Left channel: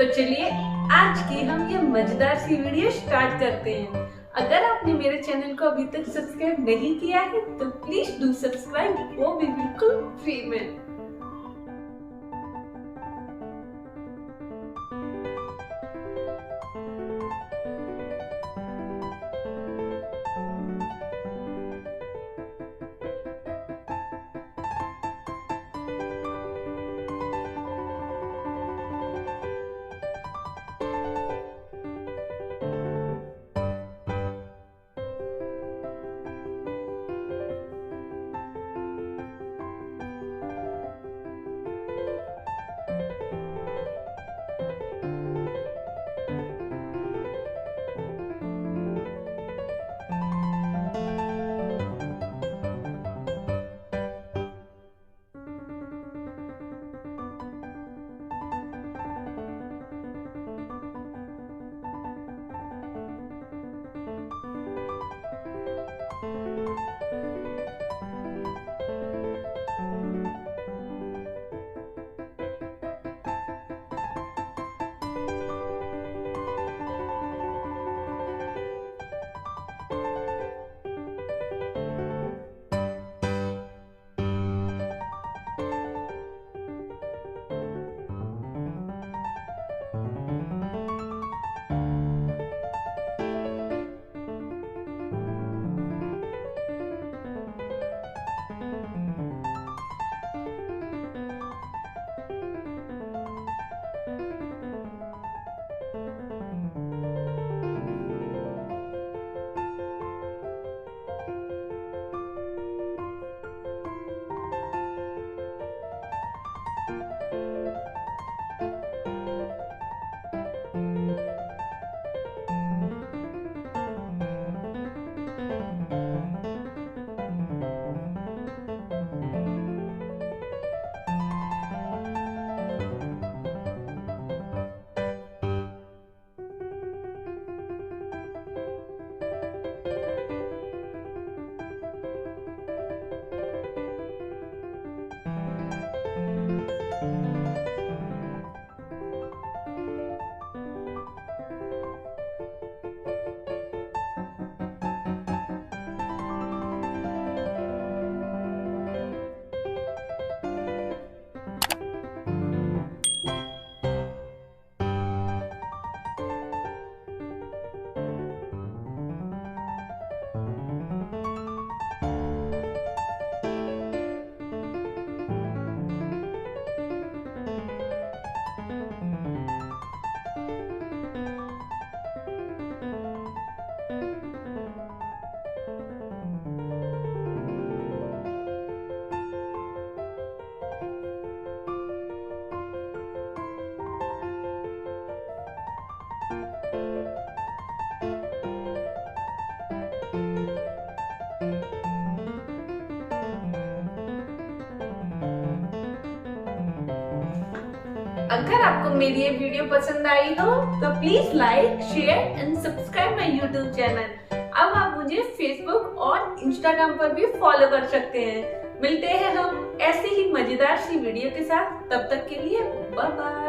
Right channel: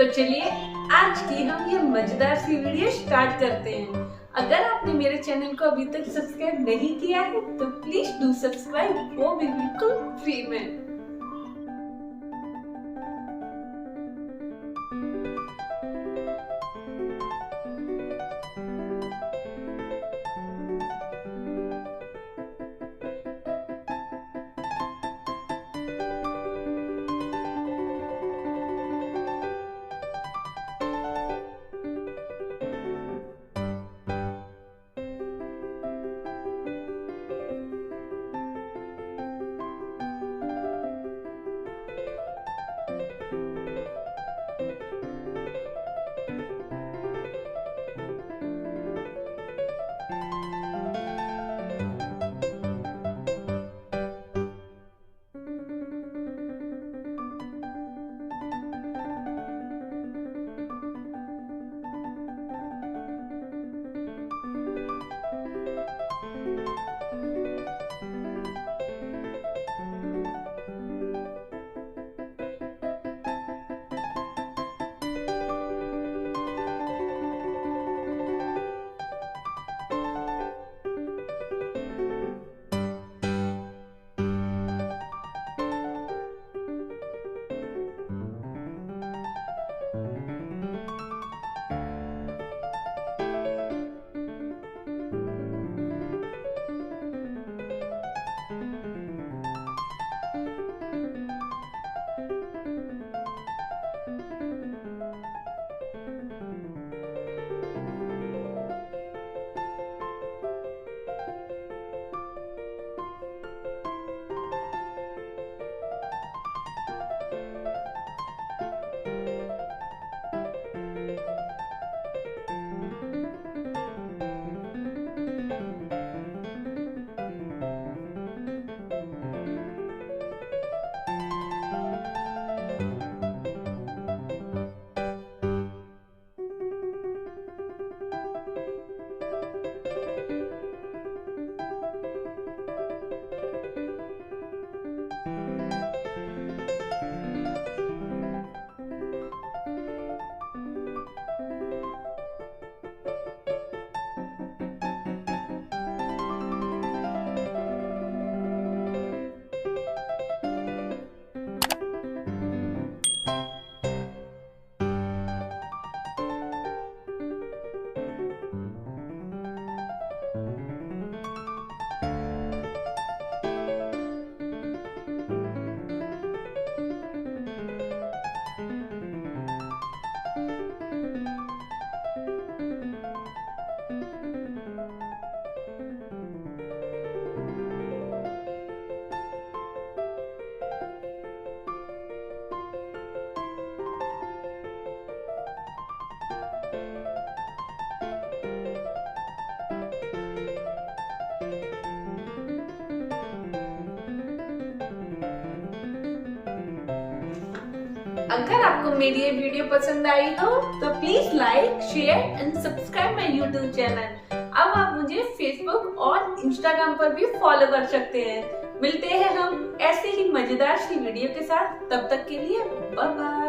तो चलिए आज की हम ये मजेदार सी वीडियो स्टार्ट करते हैं। अगर आपने मेरे चैनल को अभी तक सब्सक्राइब नहीं किया है तो प्लीज डू सब्सक्राइब, वो भी बिल्कुल फ्री में। अगर आपको मेरी ये वीडियो पसंद आई हो तो please like, share and subscribe my YouTube channel. अब आप मुझे फेसबुक और इंस्टाग्राम पर भी फॉलो कर सकते हैं। मिलते हैं हम ऐसे ही मजेदार सी वीडियो के साथ, तब तक के लिए बाय बाय।